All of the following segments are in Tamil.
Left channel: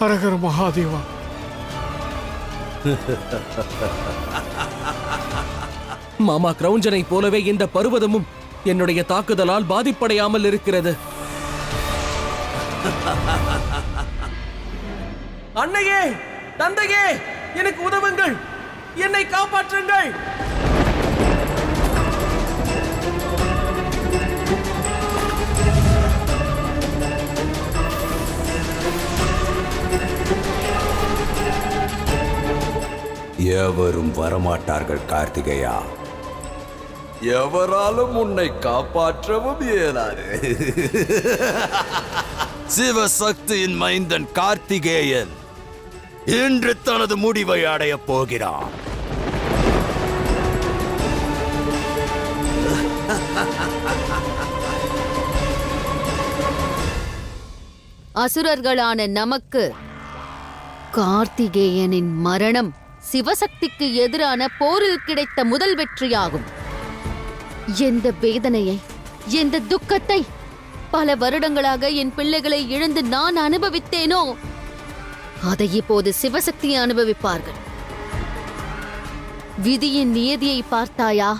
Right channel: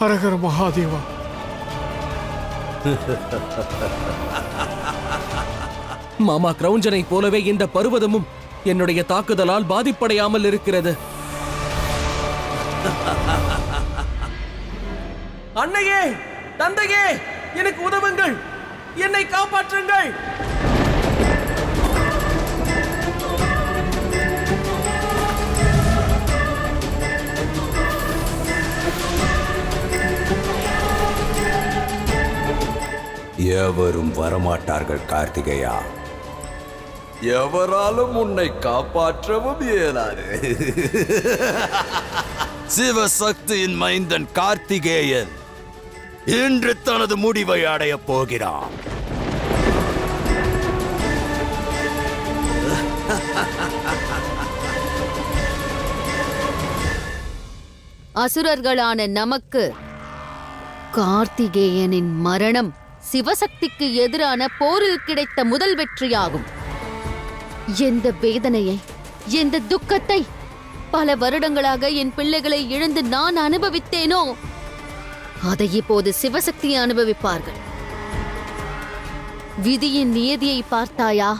ஹரஹர மகாதேவா. மாமா கிரௌஞ்சனை போலவே இந்த பர்வதமும் என்னுடைய தாக்குதலால் பாதிப்படையாமல் இருக்கிறது. அன்னையே, தந்தையே, எனக்கு உதவுங்கள், என்னை காப்பாற்றுங்கள். எவரும் வரமாட்டார்கள் கார்த்திகேயா. எவராலும் உன்னை காப்பாற்றவும் இயலாது. சிவசக்தியின் மைந்தன் கார்த்திகேயன் இன்று தனது முடிவை அடையப் போகிறான். அசுரர்களான நமக்கு கார்த்திகேயனின் மரணம் சிவசக்திக்கு எதிரான போரில் கிடைத்த முதல் வெற்றியாகும். எந்த வேதனையை, எந்த துக்கத்தை பல வருடங்களாக என் பிள்ளைகளை இழந்து நான் அனுபவித்தேனோ அதை இப்போது சிவசக்தி அனுபவிப்பார்கள். விதியின் நியதியை பார்த்தாயா?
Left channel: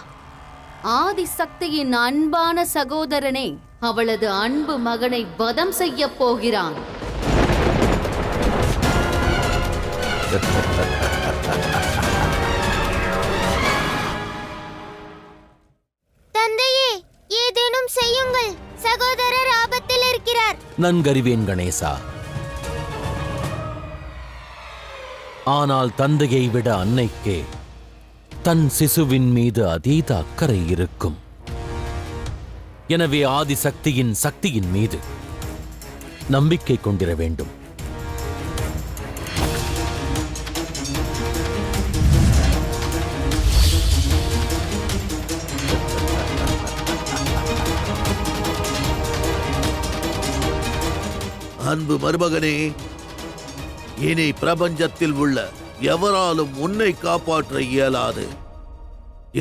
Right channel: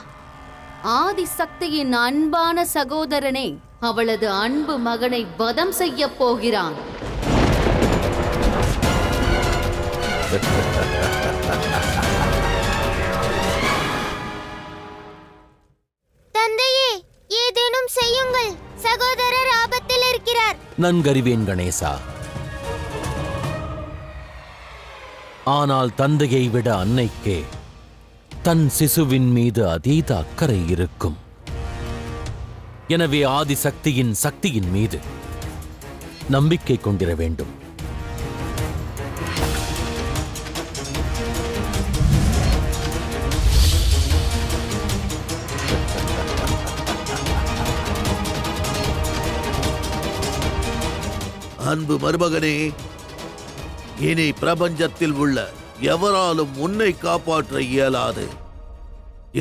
ஆதிசக்தியின் அன்பான சகோதரனே அவளது அன்பு மகனை வதம் செய்ய போகிறான். தந்தையே, ஏதேனும் செய்யுங்கள். சகோதரர் ஆபத்தில் இருக்கிறார். நன்கறிவேன் கணேசா. ஆனால் தந்தையை விட அன்னைக்கே தன் சிசுவின் மீது அதீத அக்கறை இருக்கும். எனவே ஆதிசக்தியின் சக்தியின் மீது நம்பிக்கை கொண்டிர வேண்டும். அன்பு மருமகனே, இனி பிரபஞ்சத்தில் உள்ள எவராலும் உன்னை காப்பாற்ற இயலாது.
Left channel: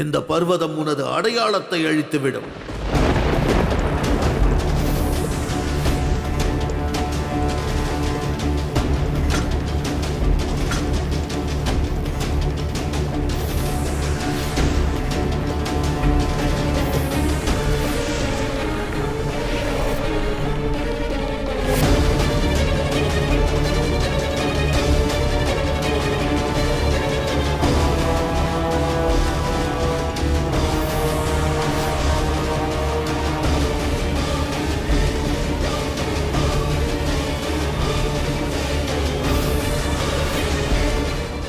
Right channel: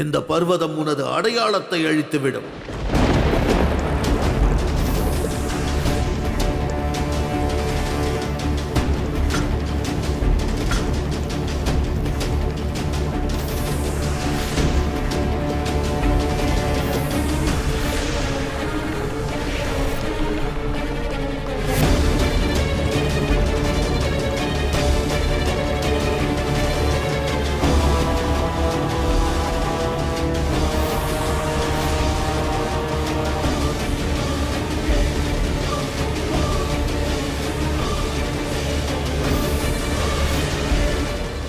இந்த பர்வதம் உனது அடையாளத்தை அழித்துவிடும்.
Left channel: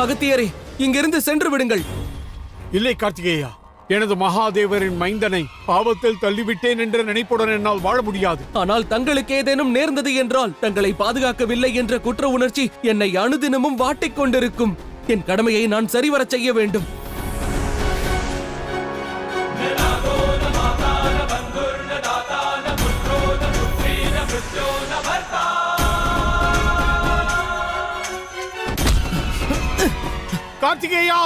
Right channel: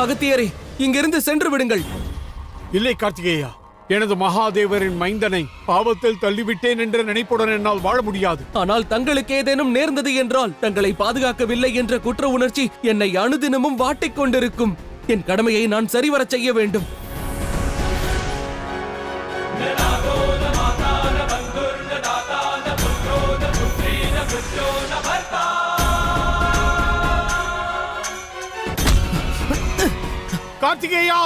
அகத்தியரே, இங்கிருந்து சென்று விடுங்கள். இல்லை கார்த்திகேயா, எனது மகாதேவரின் மைந்தனை பாவத்தில் தள்ளிவிட்டேன் என்ற நினைப்புடன் என்னால் வாழ முடியாது. ஆனால் தங்களுக்கு ஏதேனும் நேர்ந்தது என்றால் தங்களை பாதுகாக்கவில்லை என்ற குற்ற உணர்ச்சி என்னை அனுதினமும் வாட்டிக் கொண்டிருக்கும். என் கடமையை நான் சரிவரச் செய்ய வேண்டும். கார்த்திகேயா!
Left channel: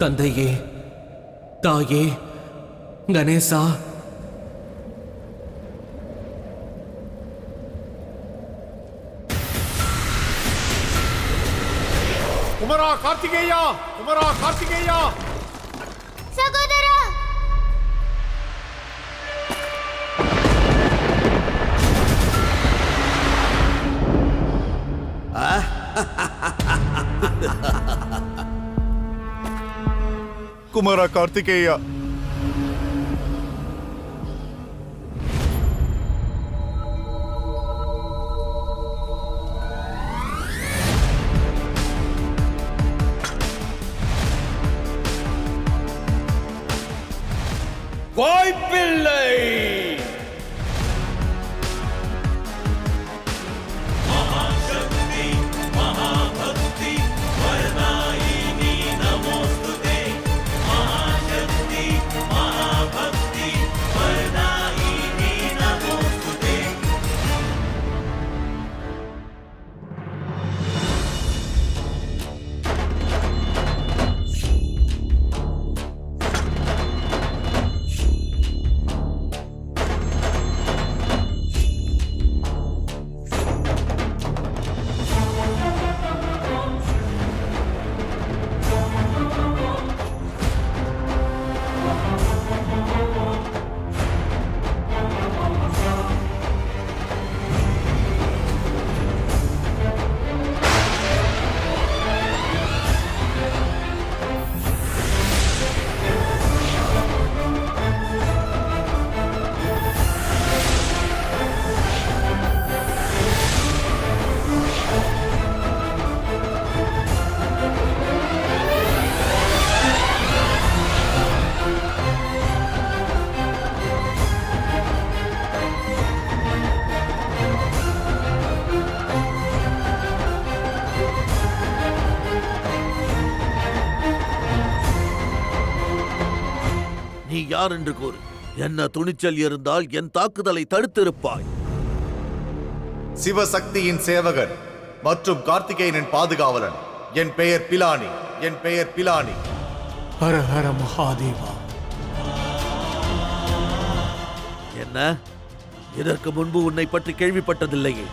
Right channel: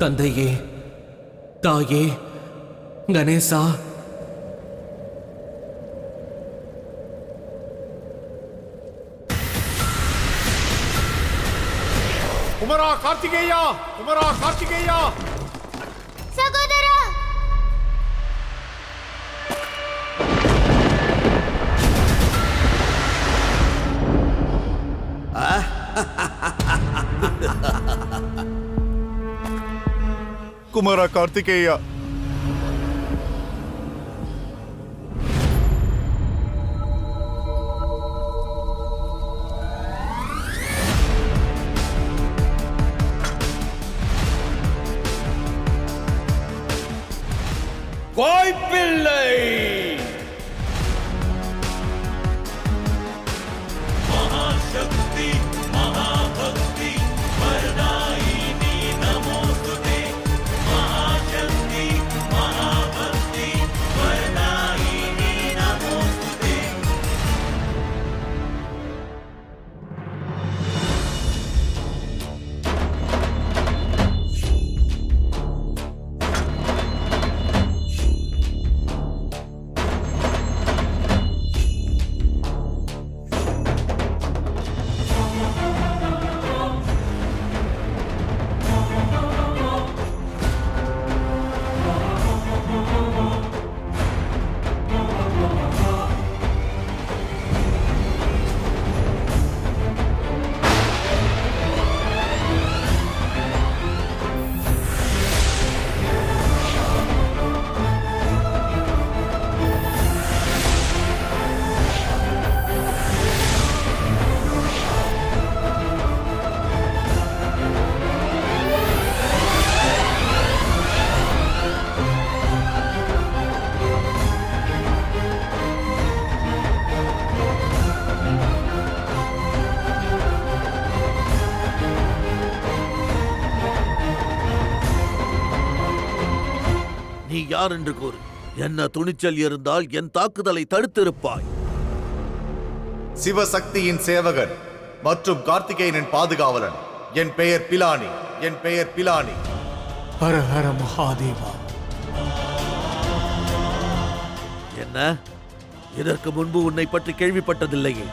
தந்தையே, தாயே, கணேசா, குமரா கார்த்திகேயா! குமரா கார்த்திகேயா! சகோதரா! குமாரா கார்த்திகேயா, வாய்ப்பில்லை. நீ யார் என்று கூறு. என்ன துணிச்சல் இருந்தால் என் தாக்குதலை தடுத்திருப்பாய். சிவசக்தியின் சேவகன் மற்றும் கார்த்திகேயனின் பாதுகாவலன். என் பெயர் பிலானி. என் பெயர் பிலானி. ஹர ஹர மகாதேவா. என்ன? இதற்கு முன்பு உன்னை பற்றி கேள்விப்பட்டதில்லையே.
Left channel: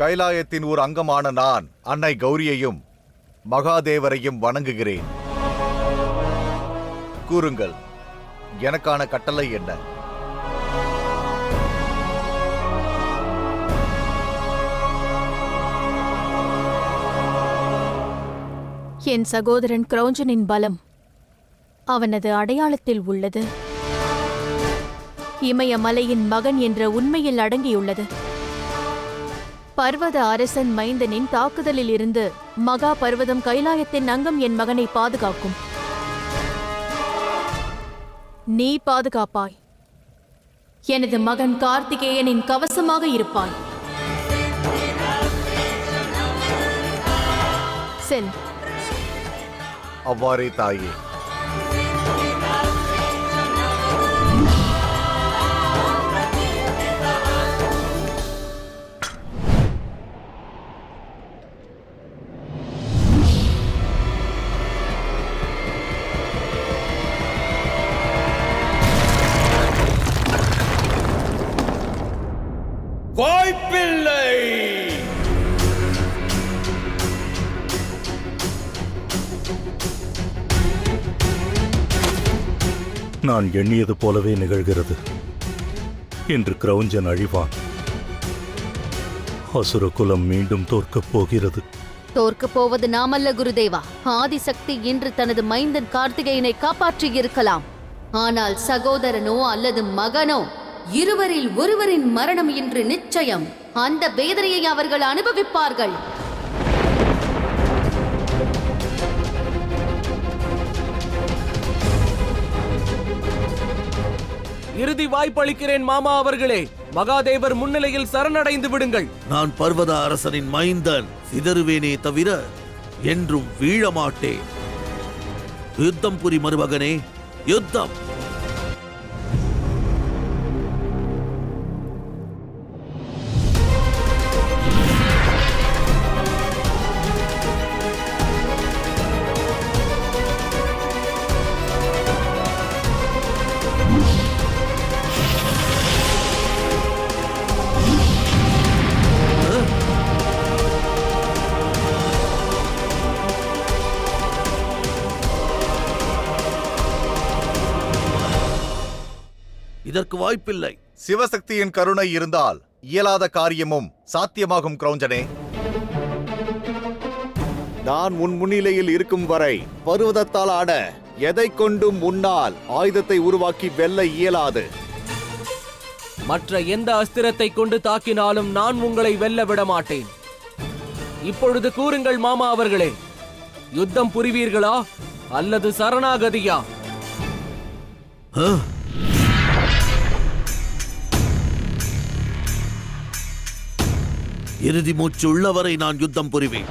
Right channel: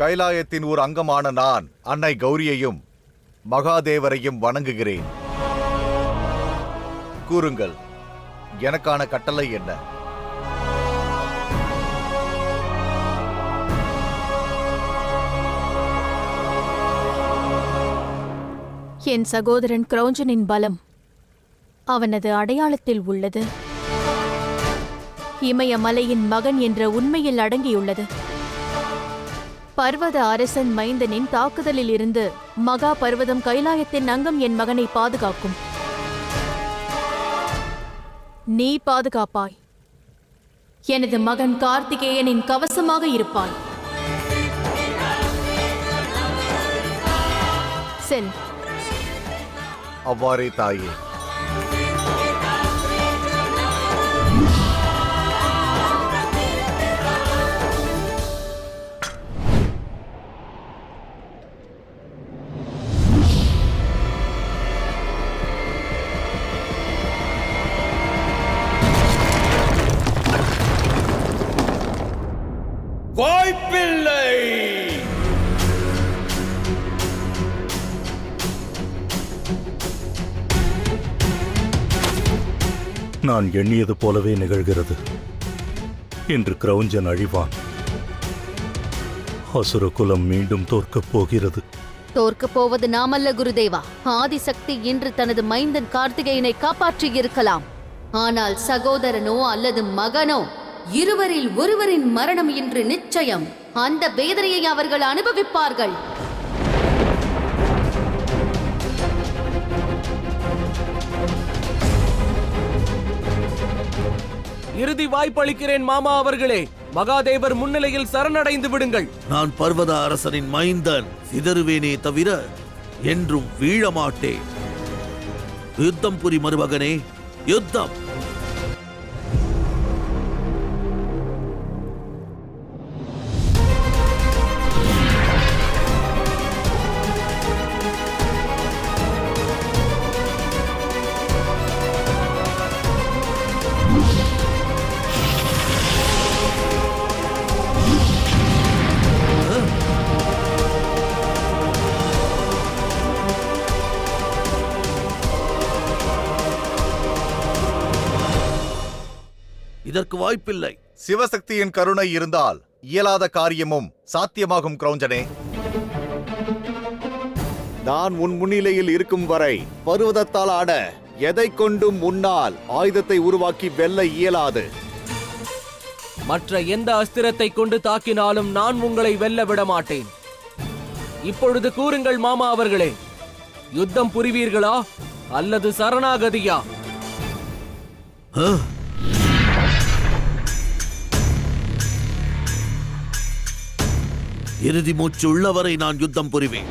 கைலாயத்தின் ஒரு அங்கமான நான் அன்னை கௌரியையும் மகாதேவரையும் வணங்குகிறேன். கூறுங்கள், எனக்கான கட்டளை என்ன? என் சகோதரன் கிரௌஞ்சனின் பலம் அவனது அடையாளத்தில் உள்ளது. இமயமலையின் மகன் என்ற உண்மையில் அடங்கியுள்ளது. பர்வத அரசன் மைந்தனின் தாக்குதலில் இருந்து மகா பர்வதம் கைலாயத்தின் அங்கம் என் மகனை பாதுகாக்கும். நீ பாதுகாப்பாய். எனது மகன் கார்த்திகேயனின் கவசமாக இருப்பாய். செல். அவ்வாறே தாயே. வாய்ப்பில்லை. நான் எண்ணியது போலவே நிகழ்கிறது. இன்று கிரௌஞ்சன் அழிவான். அசுர குலம் மீண்டும் தோற்கப் போகிறது. தோற்கப் போவது நாமல்ல குருதேவா. ஆதிசக்தி இன்று தனது மைந்தன் கார்த்திகேயனை காப்பாற்றியிருக்கலாம். ஆனால் சகோதரனோ அல்லது மகனோ இருவரில் ஒருவரின் மரணம் இன்று நிச்சயம். அந்த வேதனையை அவர்கள் அனுபவிப்பார்கள். இறுதி வாய்ப்பளிக்கிறேன் மாமா அவர்களே. மகாதேவர் முன்னிலையில் சரணடைந்து விடுங்கள். நான் பர்வத அரசனின் மைந்தன். சிதறுவேனே தவிர என்றும் வீழமாட்டேன். யுத்தம் புரி மருமகனே, யுத்தம். இதற்கு வாய்ப்பில்லை. சிவசக்தியின் கருணை இருந்தால் இயலாத காரியமும் சாத்தியமாகும். கிரௌஞ்சனே, நான் உன் முன்னிலையில் இருக்கும் வரை பர்வதத்தால் ஆட எதை கொண்டும் முன்னால் ஆயுதத்தை உருவாக்கி வெல்ல இயலாது. மற்ற எந்த அஸ்திரத்தை கொண்டு தாக்கினாலும் நான் உங்களை வெல்ல விட மாட்டேன். இப்பொழுது கூறுங்கள் மாமா அவர்களே, யுத்தம் புரிவீர்களா அல்லது சரணாகதியா? இறுதி மூச்சு உள்ளவரை நான் யுத்தம் புரிவேன்.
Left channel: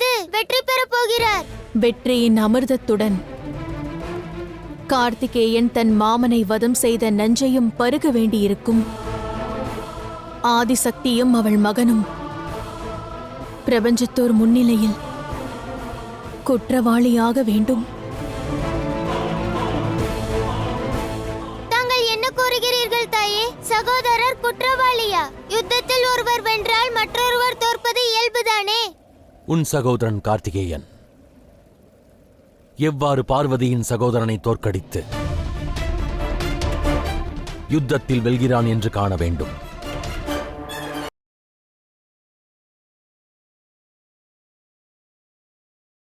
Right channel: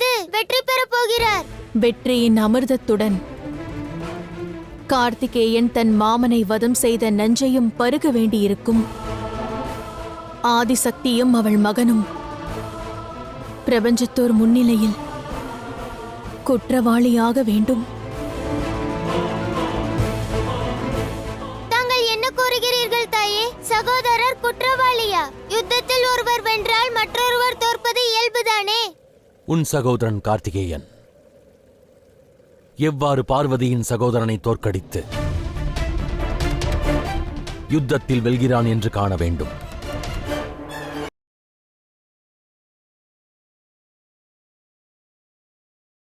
மீது வெற்றி பெறப் போகிறார். வெற்றியின் அமிர்தத்துடன் கார்த்திகேயன் தன் மாமனை வதம் செய்த நஞ்சையும் பருக வேண்டியிருக்கும். ஆதிசக்தியும் அவள் மகனும் பிரபஞ்சத்தோர் முன்னிலையில் குற்றவாளியாக வேண்டும். தாங்கள் என்ன கூறுகிறீர்கள் தாயே? சகோதரர் குற்றவாளியா? யுத்தத்தில் ஒருவர் வென்றால் மற்றொருவர் தோற்பது இயல்புதானே. உன் சகோதரன் கார்த்திகேயன் எவ்வாறு பார்வதியின் சகோதரனை தோற்கடித்து யுத்தத்தில் வெல்கிறான் என்று காண வேண்டும்.